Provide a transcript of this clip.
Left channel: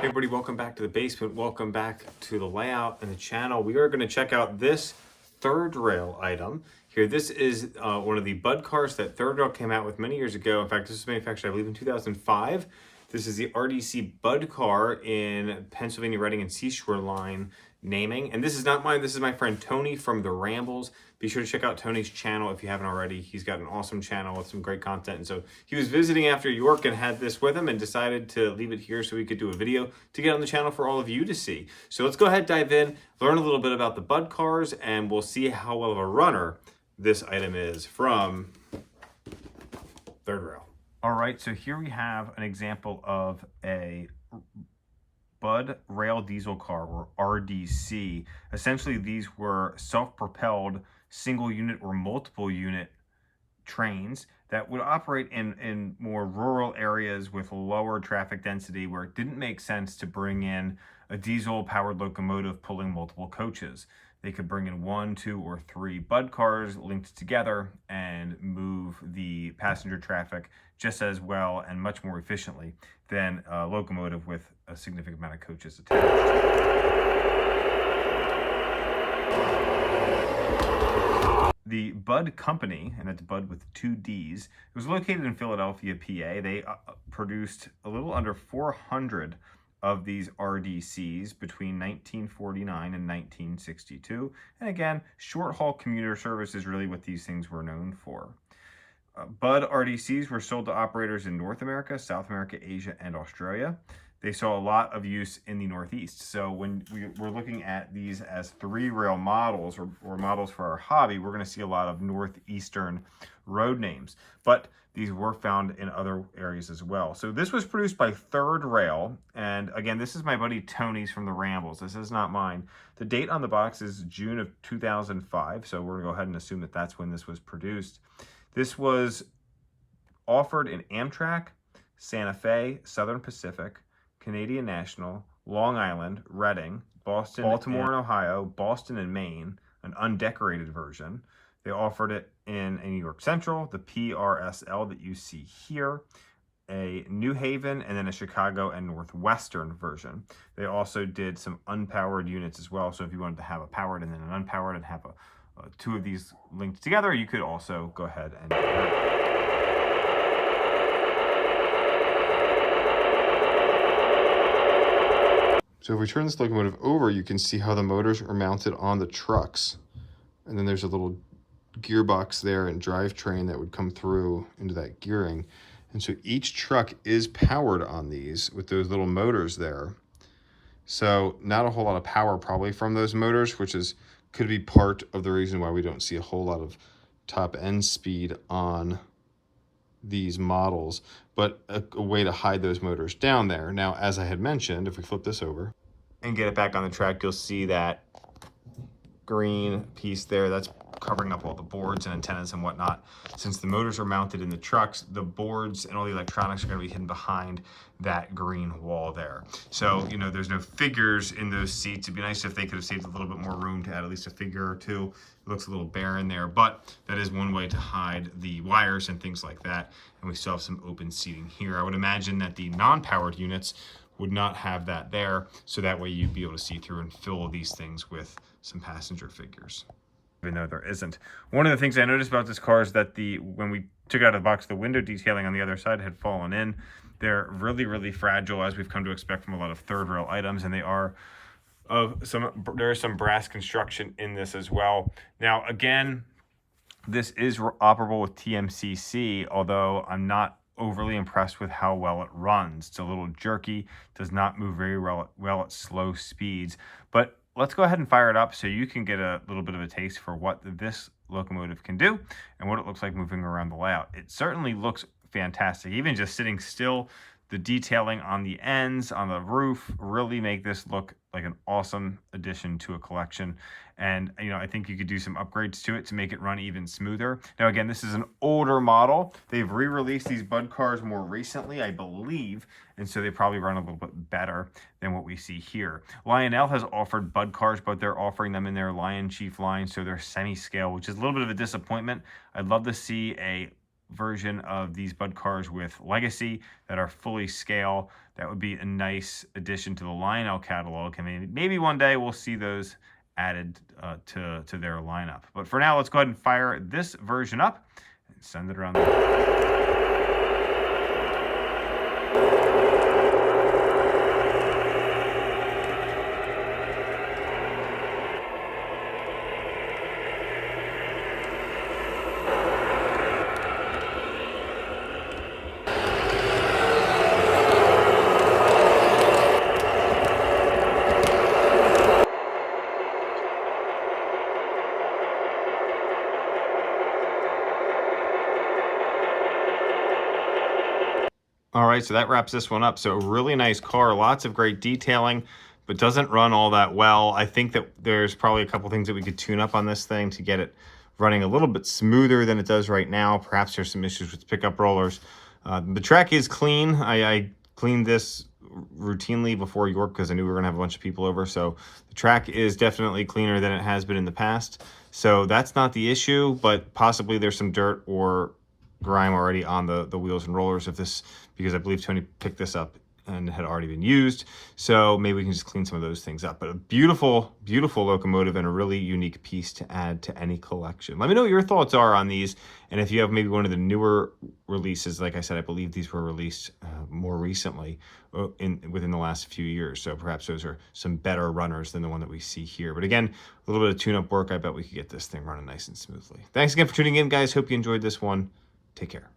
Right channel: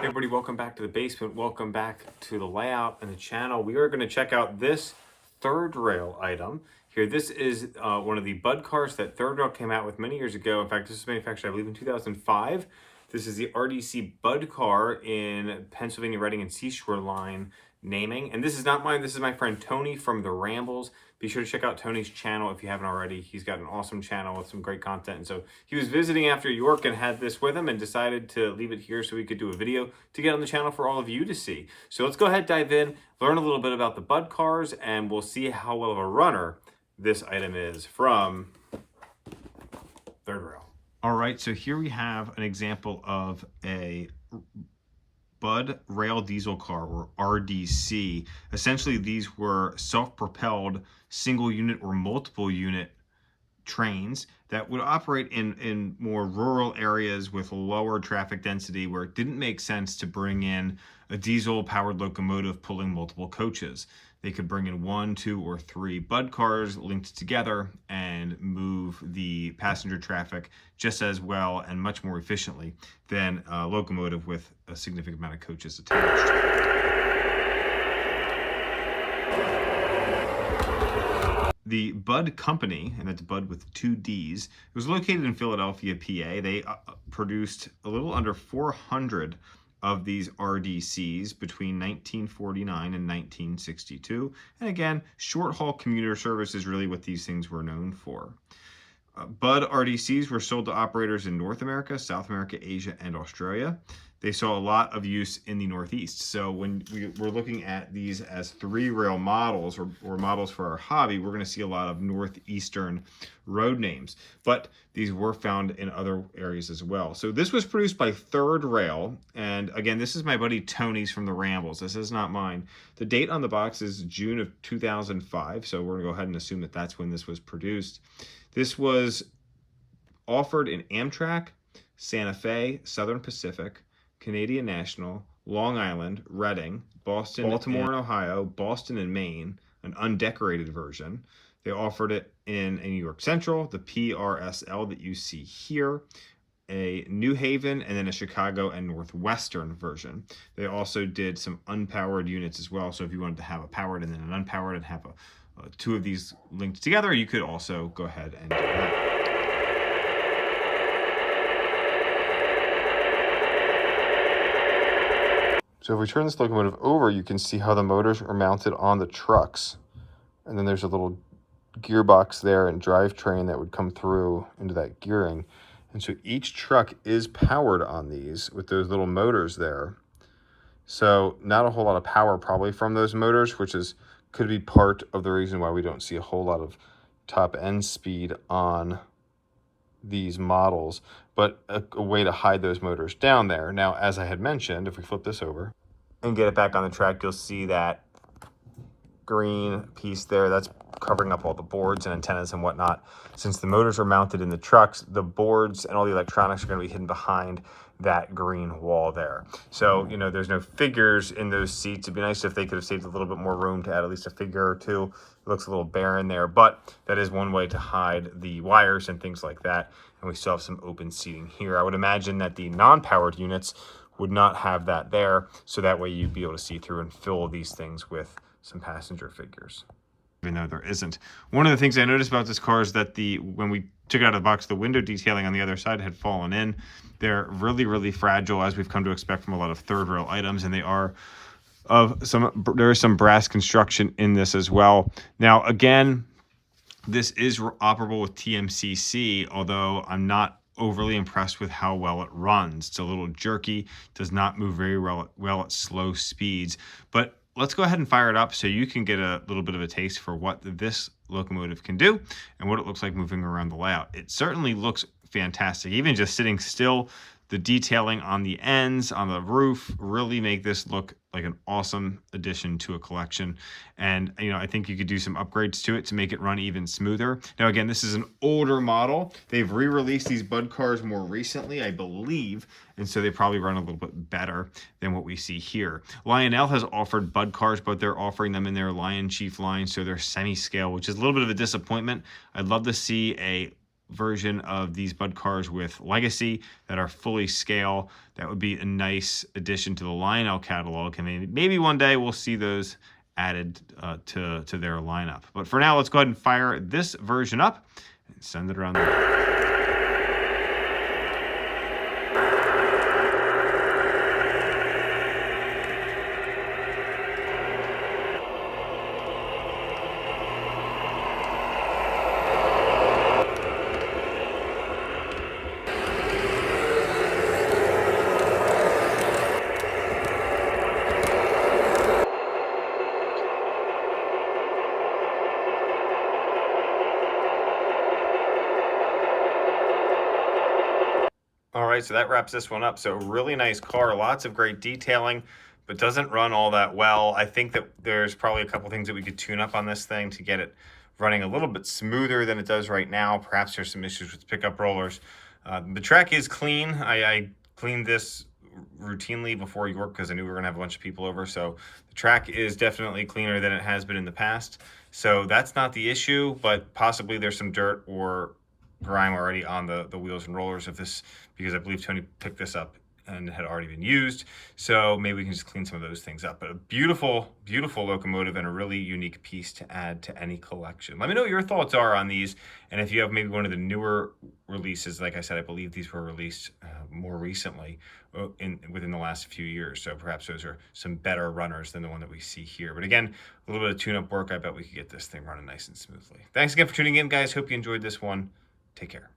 Hey everybody, welcome back to the basement. Welcome back to the layout and the channel. We are going to check out this third rail item here. This is one of the Budd cars that Third Rail came out with many years ago. In fact, this was manufactured, I believe, in 2005. This is the RDC Budd car in Pennsylvania Reading and Seashore Line naming. And this is not mine. This is my friend Tony from The Rambles. Be sure to check out Tony's channel if you haven't already. He's got an awesome channel with some great content. And so he was visiting after York and had this with him and decided to leave it here so we could do a video to get on the channel for all of you to see. So let's go ahead, dive in, learn a little bit about the Budd cars, and we'll see how well of a runner this item is from Third Rail. All right, so here we have an example of a Budd Rail diesel car, or RDC. Essentially, these were self-propelled single unit or multiple unit trains that would operate in more rural areas with lower traffic density, where it didn't make sense to bring in a diesel powered locomotive pulling multiple coaches. They could bring in 1, 2, or 3 Budd cars linked together and move the passenger traffic just as well and much more efficiently than a locomotive with a significant amount of coaches attached. The Budd Company, and that's Budd with 2 Ds, it was located in Philadelphia, PA. They produced a little under 400 of these RDCs between 1949 and 1962. And again, short-haul commuter service is really what these things were known for. Budd RDCs were sold to operators in North America, South America, Asia, and Australia. They saw a lot of use in the Northeast. So when we're looking at these as 3-rail models or models for our hobby, we're going to see a lot of Northeastern road names. But these were found in other areas as well. So this was produced by Third Rail. And again, this is my buddy Tony's from The Rambles. This is not mine. The date on the box is June of 2005. So we're going to go ahead and assume that that's when this was produced. This was offered in Amtrak, Santa Fe, Southern Pacific, Canadian National, Long Island, Reading, Boston, Baltimore and Ohio, Boston and Maine, an undecorated version. They offered it in a New York Central, the PRSL that you see here, a New Haven, and then a Chicago and Northwestern version. They also did some unpowered units as well. So if you wanted to have a powered and then an unpowered and have 2 of these linked together, you could also go ahead and do that. So if we turn this locomotive over, you can see how the motors are mounted on the trucks. And then there's a little gearbox there and drivetrain that would come through into that gearing. And so each truck is powered on these with those little motors there. So not a whole lot of power probably from those motors, which could be part of the reason why we don't see a whole lot of top end speed on these models, but a way to hide those motors down there. Now, as I had mentioned, if we flip this over and get it back on the track, you'll see that green piece there. That's covering up all the boards and antennas and whatnot. Since the motors are mounted in the trucks, the boards and all the electronics are going to be hidden behind that green wall there. So, you know, there's no figures in those seats. It'd be nice if they could have saved a little bit more room to add at least a figure or 2. It looks a little barren there, but that is one way to hide the wires and things like that. And we still have some open seating here. I would imagine that the non-powered units would not have that there, so that way you'd be able to see through and fill these things with some passenger figures, even though there isn't. One of the things I noticed about this car is that when we took it out of the box, the window detailing on the other side had fallen in. They're really, really fragile, as we've come to expect from a lot of Third Rail items, and they are there is some brass construction in this as well. Now, again, this is operable with TMCC, although I'm not overly impressed with how well it runs. It's a little jerky, does not move very well at slow speeds, but let's go ahead and fire it up so you can get a little bit of a taste for what this locomotive can do and what it looks like moving around the layout. It certainly looks fantastic. Even just sitting still, the detailing on the ends, on the roof, really make this look like an awesome addition to a collection. And, you know, I think you could do some upgrades to it to make it run even smoother. Now, again, this is an older model. They've re-released these Budd cars more recently, I believe, and so they probably run a little bit better than what we see here. Lionel has offered Budd cars, but they're offering them in their Lion Chief line, so they're semi-scale, which is a little bit of a disappointment. I'd love to see a version of these Budd cars with Legacy that are fully scale. That would be a nice addition to the Lionel catalog. And maybe one day we'll see those added to their lineup. But for now, let's go ahead and fire this version up and send it around the All right, so that wraps this one up. So really nice car, lots of great detailing, but doesn't run all that well. I think that there's probably a couple things that we could tune up on this thing to get it running a little bit smoother than it does right now. Perhaps there's some issues with pickup rollers. The track is clean. I cleaned this routinely before York because I knew we were gonna have a bunch of people over. So the track is definitely cleaner than it has been in the past. So that's not the issue, but possibly there's some dirt or grime already on the wheels and rollers of this, because I believe Tony picked this up and it had already been used. So maybe we can just clean some of those things up. But a beautiful, beautiful locomotive and a really unique piece to add to any collection. Let me know what your thoughts are on these. And if you have maybe one of the newer releases, like I said, I believe these were released more recently within the last few years. So perhaps those are some better runners than the one that we see here. But again, a little bit of tune-up work. I bet we could get this thing running nice and smoothly. Thanks again for tuning in, guys. Hope you enjoyed this one. Take care.